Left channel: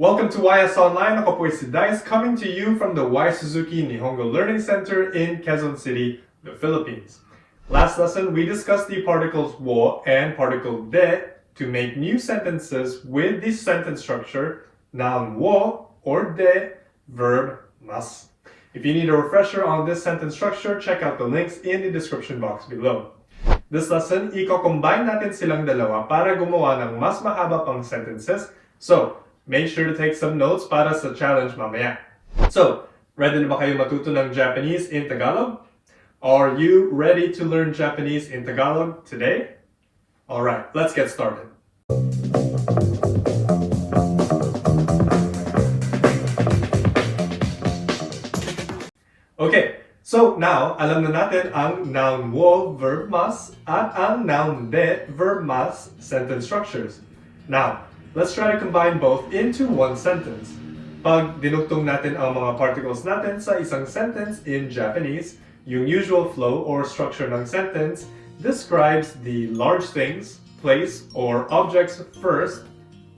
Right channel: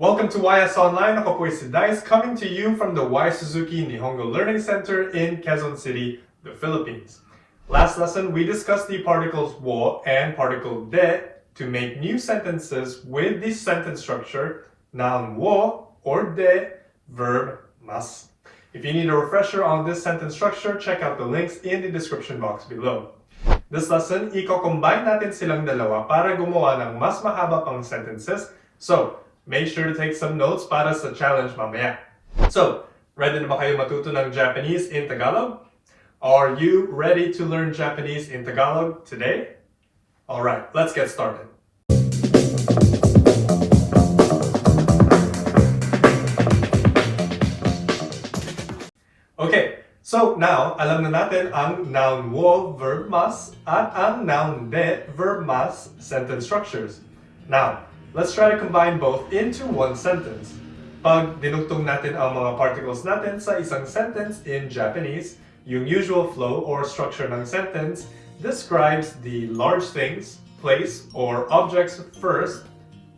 Welcome to YS Online. Ako po si Dice coming to you from the Suzuki Nihongo Learning Center in Quezon City, the Philippines. Last lesson, we discussed the particles wo and particle de to make new sentences with the sentence structure noun wo or de, verb mas. If you need a refresher on this sentence structure, check out the links in the description box below. This lesson, i-combine natin silang dalawa para gumawa ng mas mahaba pang sentences. So, make sure to take some notes para sa challenge mamaya. So, ready na ba kayo matuto ng Japanese in Tagalog? Are you ready to learn Japanese in Tagalog today? Alright, let's get started. Okay, so now, alam na natin ang noun wo, verb mas, at ang noun de, verb mas sentence structures. Now, let's try to combine both into one sentence. Pag dinugtong natin ang mga particles natin sa isang sentence in Japanese, yung usual flow or structure ng sentence describes the large things, place, or objects first,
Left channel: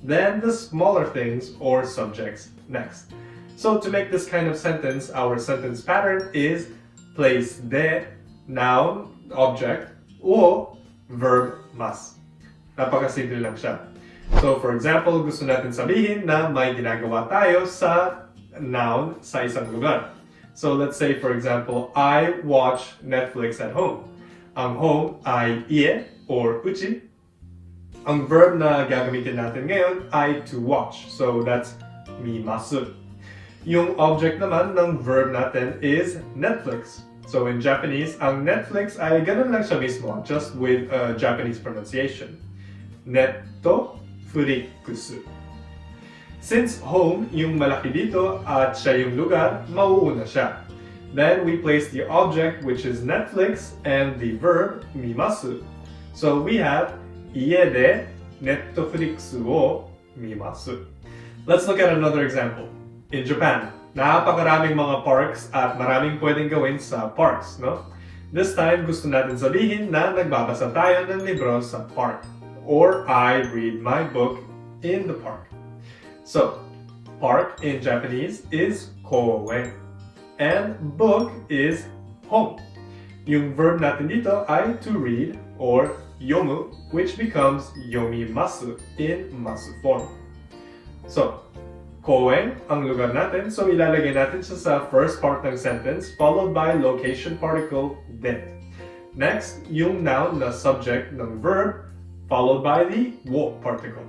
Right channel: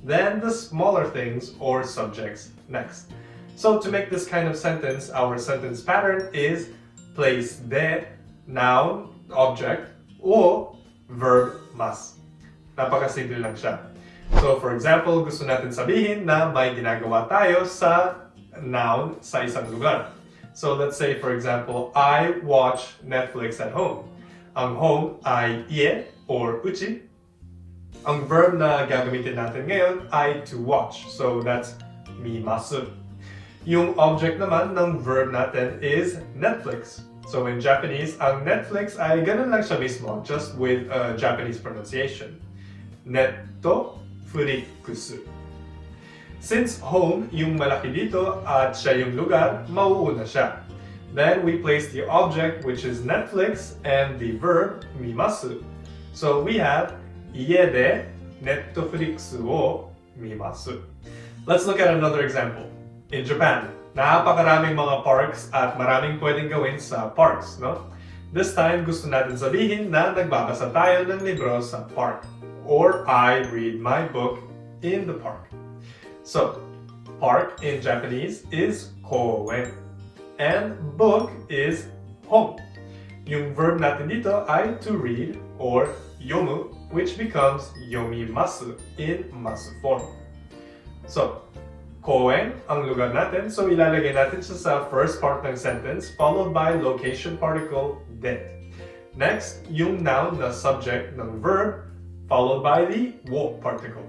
then the smaller things or subjects next. So to make this kind of sentence, our sentence pattern is place de, noun, object, o verb mas. Napakasimple lang siya. So for example, gusto natin sabihin na may ginagawa tayo sa noun sa isang lugar. So let's say for example, I watch Netflix at home. Ang home ay ie or uchi. Ang verb na gagamitin natin ngayon ay to watch. So that's mimasu. Yung object naman ng verb natin is Netflix. So in Japanese, ang Netflix ay ganun lang siya mismo, just with a Japanese pronunciation. Netto Furikusu. Since home yung malaki dito at siya yung lugar, mauuna siya. Then we place the object which is Netflix and the verb mimasu. So we have ie de Netflixu wo mimasu. Let's look at another example. In Japan, napakaraming mga parks at maraming pwedeng gawin sa parks, no? This time gusto natin sabihin na nagbabasa tayo ng libro sa park. Or I read my book in the park. So, park in Japanese is kouen. And book is hon. Yung verb natin dito ay to read or yomu, which becomes yomimasu in masu form. So, kouen ang lugar natin, so ilalagay natin siya sa first part ng sentence followed by location particle de. Next, yung noun na subject ng verb followed by the wo particle.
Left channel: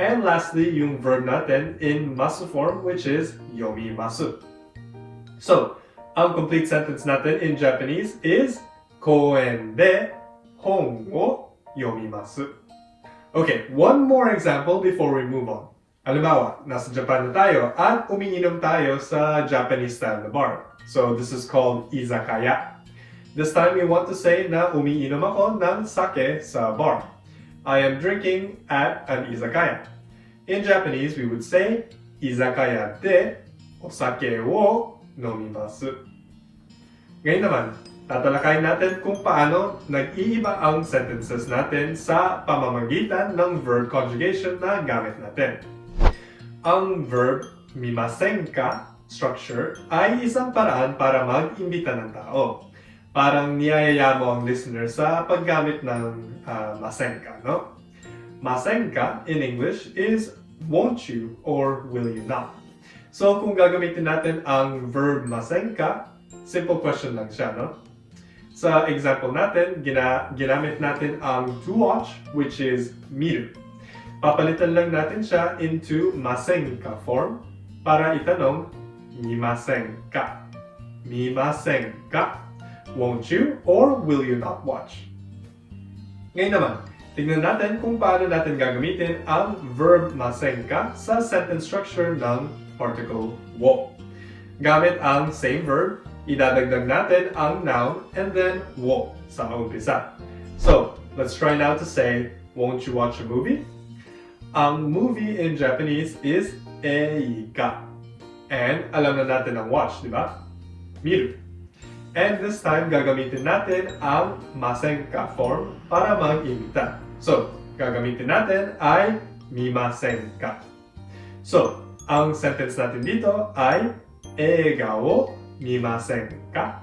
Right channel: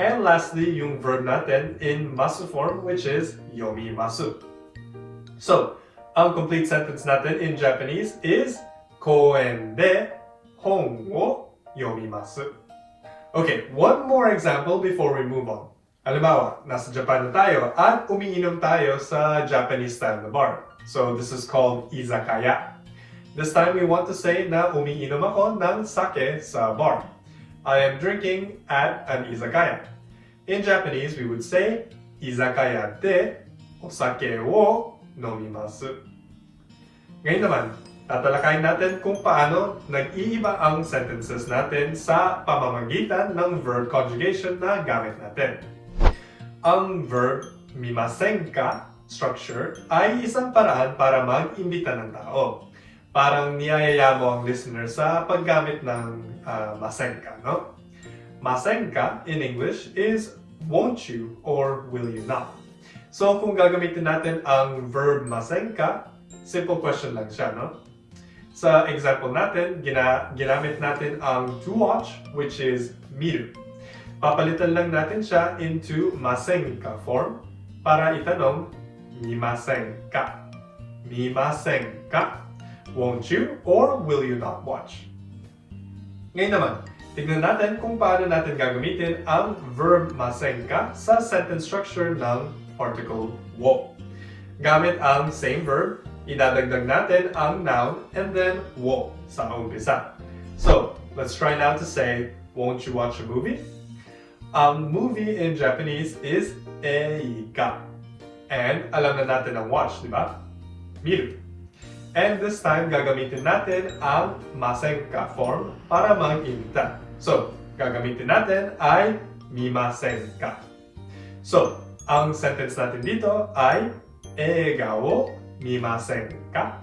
And lastly, yung verb natin in masu form, which is yomimasu. So, ang complete sentence natin in Japanese is koen de hon wo yomimasu. Okay, one more example before we move on. Halimbawa, nasa Japan na tayo at umiinom tayo sa Japanese style na bar. So, this is called izakaya. This time, we want to say na umiinom ako ng sake sa bar. I am drinking at an izakaya. In Japanese, we would say izakaya de osake wo nomimasu. Ngayon naman, tatalakayin natin kung paano nag-iiba ang sentences natin sa pamamagitan ng verb conjugation na gamit natin. Ang verb mimasen ka structure ay isang paraan para mag-imbita ng tao. Parang niyayaya mo ang listener sa paggamit ng masenka, no? Masenka in English is won't you or will you not. So kung gagamitin natin ang verb masenka, simple question lang siya, no? Sa example natin, ginamit natin ang to watch, which is miru. Papalitan lang natin siya into masenka form para itanong mimasenka. Mimasenka. Won't you or will you not watch? Ngayon naman, tignan natin kung paano natin gagamitin ang verb masenka sa sentence structure ng particle wo. Gamit ang same verb, idadagdag natin ang noun and then wo sa umpisa. So, let's try now to say, won't you watch a movie? Ang movie in Japanese is eika. And alam na natin ang watch, di ba? Miru. And this time, gagamitin natin ang masenka form para mag-imbita. So, gagamitin natin ay mimasenka. So, Ang sentence natin dito ay eiga wo mimasen ka?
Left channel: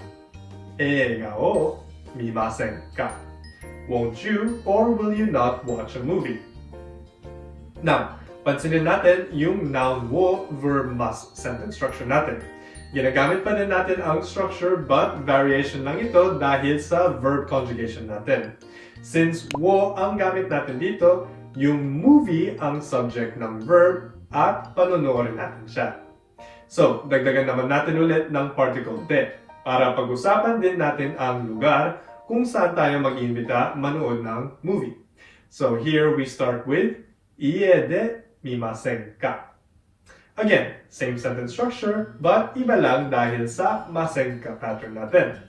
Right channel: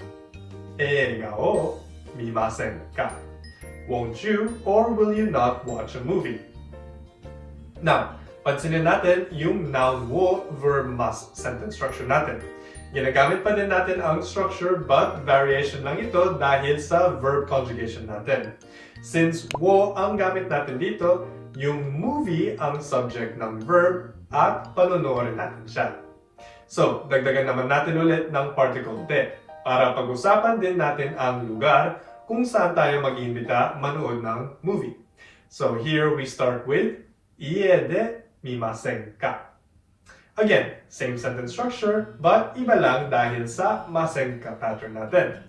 Eiga wo mimasen ka? Won't you or will you not watch a movie? Now, pansinin natin yung noun wo verb must sentence structure natin. Ginagamit pa din natin ang structure but variation lang ito dahil sa verb conjugation natin. Since wo ang gamit natin dito, yung movie ang subject ng verb at panonoorin natin siya. So, dagdagan naman natin ulit ng particle de para pag-usapan din natin ang lugar kung saan tayo mag-iimbita manood ng movie. So here we start with ie de mimasen ka. Again, same sentence structure, but iba lang dahil sa masen ka pattern natin.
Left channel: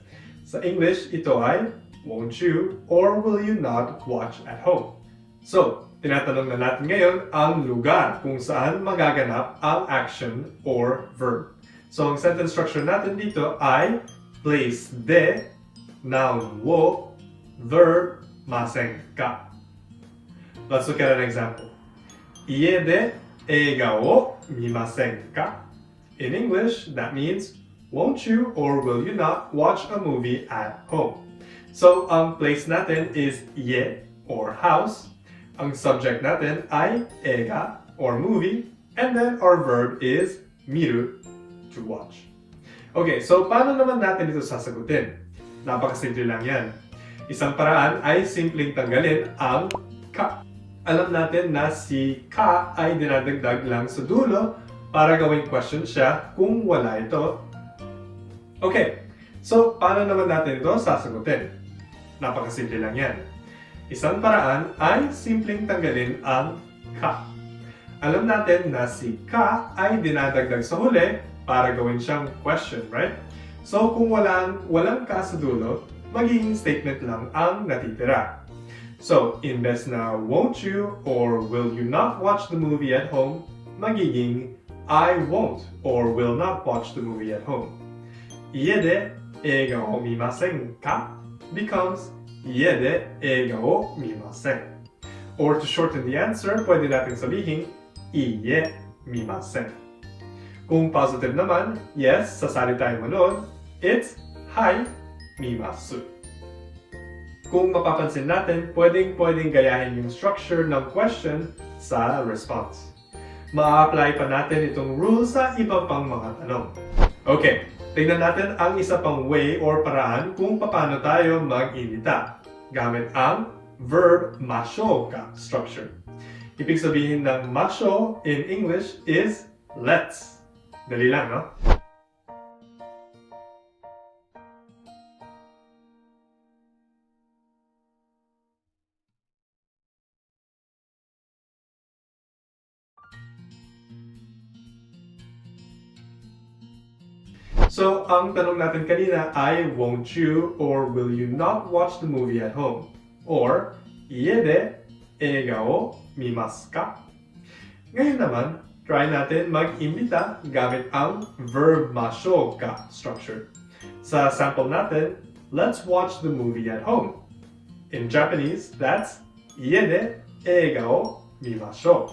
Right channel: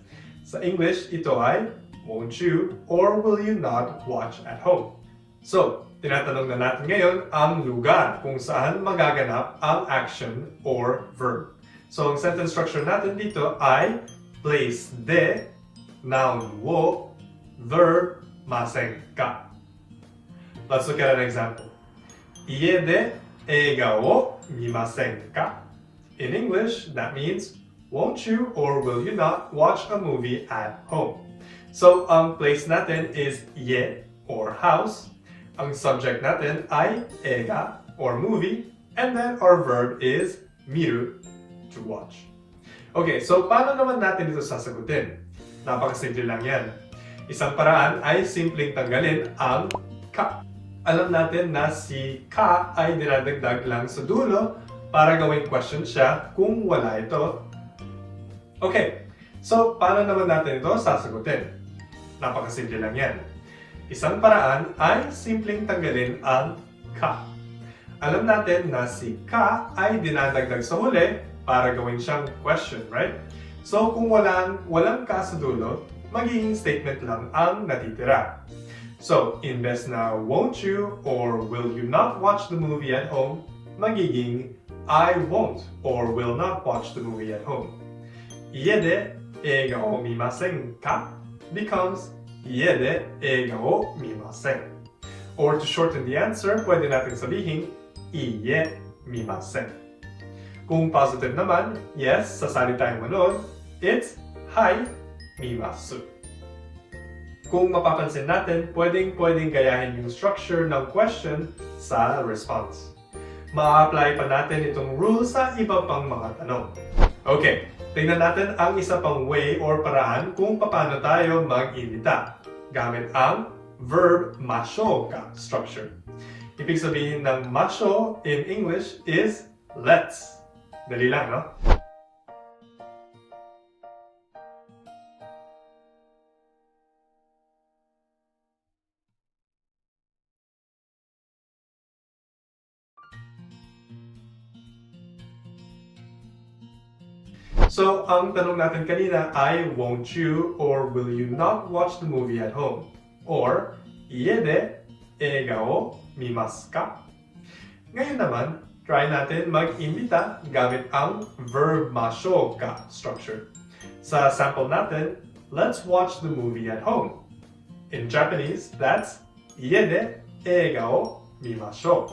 Sa English, ito ay won't you or will you not watch at home? So, tinatanong na natin ngayon ang lugar kung saan magaganap ang action or verb. So, ang sentence structure natin dito ay place de noun wo verb masen ka. Let's look at an example. Ie de eiga wo mimasen ka? In English, that means won't you or will you not watch a movie at home? So, ang place natin is ie or house. Ang subject natin ay eiga or movie. And then our verb is miru, to watch. Okay, so paano naman natin ito sasagutin? Napakasimple lang yan. Isang paraan ay simpleng tanggalin ang ka. Alam natin na si ka ay dinadagdag lang sa dulo para gawing question siya kung wala ito. Okay, so paano naman natin ito sasagutin? Napakasimple lang yan. Isang paraan ay simpleng tanggalin ang ka. Alam natin na si ka ay dinadagdag sa huli para gawin siyang question, right? So kung walang ka sa dulo, magiging statement lang ang natitira. So, imbes na won't you or will you not watch the movie at home, magiging I won't or will not watch the movie at home. Ie de eiga wo mimasen ka becomes ie de eiga wo mimasen. Or to shorten the answer, pwede natin sabihin ie mimasen. Kung positive naman, yes, sasali tayong manood, it's hai mimasu. Kung mapapansin natin, pwedeng gayahin yung structure ng question sa response. Ma-apply pa natin itong rule sa iba pang mga tanong. Okay, tingnan natin ang isa pang way or paraan kung paano tayo mag-imbita gamit ang verb masho ka structure. Ibig sabihin ng masho in English is let's. Dali lang, no? So, ang tanong natin kanina ay won't you or will you not watch the movie at home? Or, ie de eiga wo mimasu ka? Ngayon naman, try natin mag-imbita gamit ang verb masho ka structure. Sa sample natin, let's watch the movie at home. In Japanese, that's ie de eiga wo mimashou.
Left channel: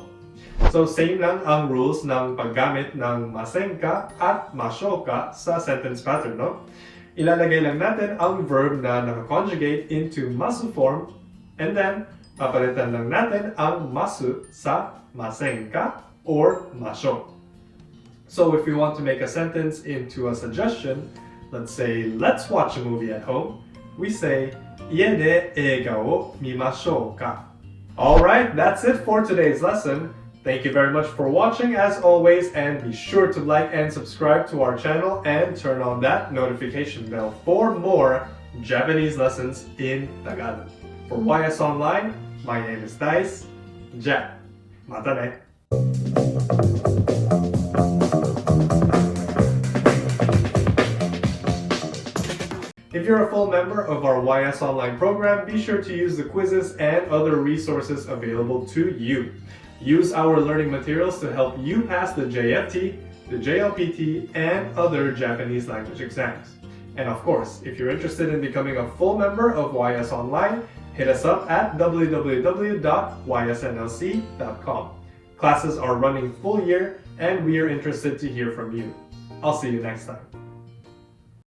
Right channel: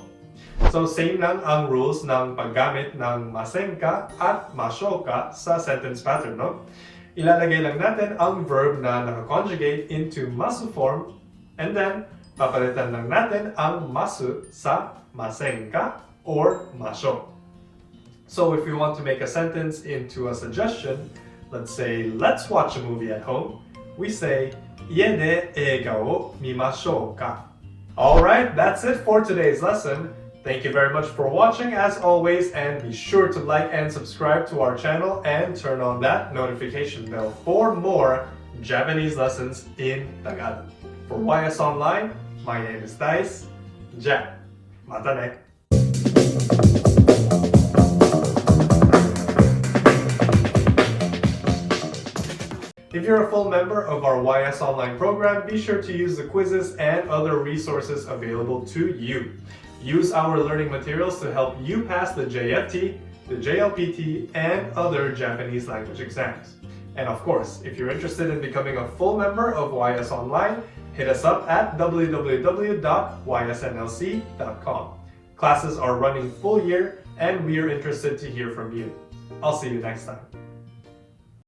So same lang ang rules ng paggamit ng masen ka at masho ka sa sentence pattern, no? Ilalagay lang natin ang verb na naka-conjugate into masu form and then papalitan lang natin ang masu sa masen ka or masho. So if we want to make a sentence into a suggestion, let's say, let's watch a movie at home, we say, ie de eiga wo mimashou ka? Alright, that's it for today's lesson. Thank you very much for watching as always, and be sure to like and subscribe to our channel and turn on that notification bell for more Japanese lessons in Tagalog. For YS Online, my name is Dice. Ja, mata ne! If you're a full member of our YS Online program, be sure to use the quizzes and other resources available to you. Use our learning materials to help you pass the JFT, the JLPT, and other Japanese language exams. And of course, if you're interested in becoming a full member of YS Online, hit us up at www.ysnlc.com. Classes are running full year and we are interested to hear from you. I'll see you next time.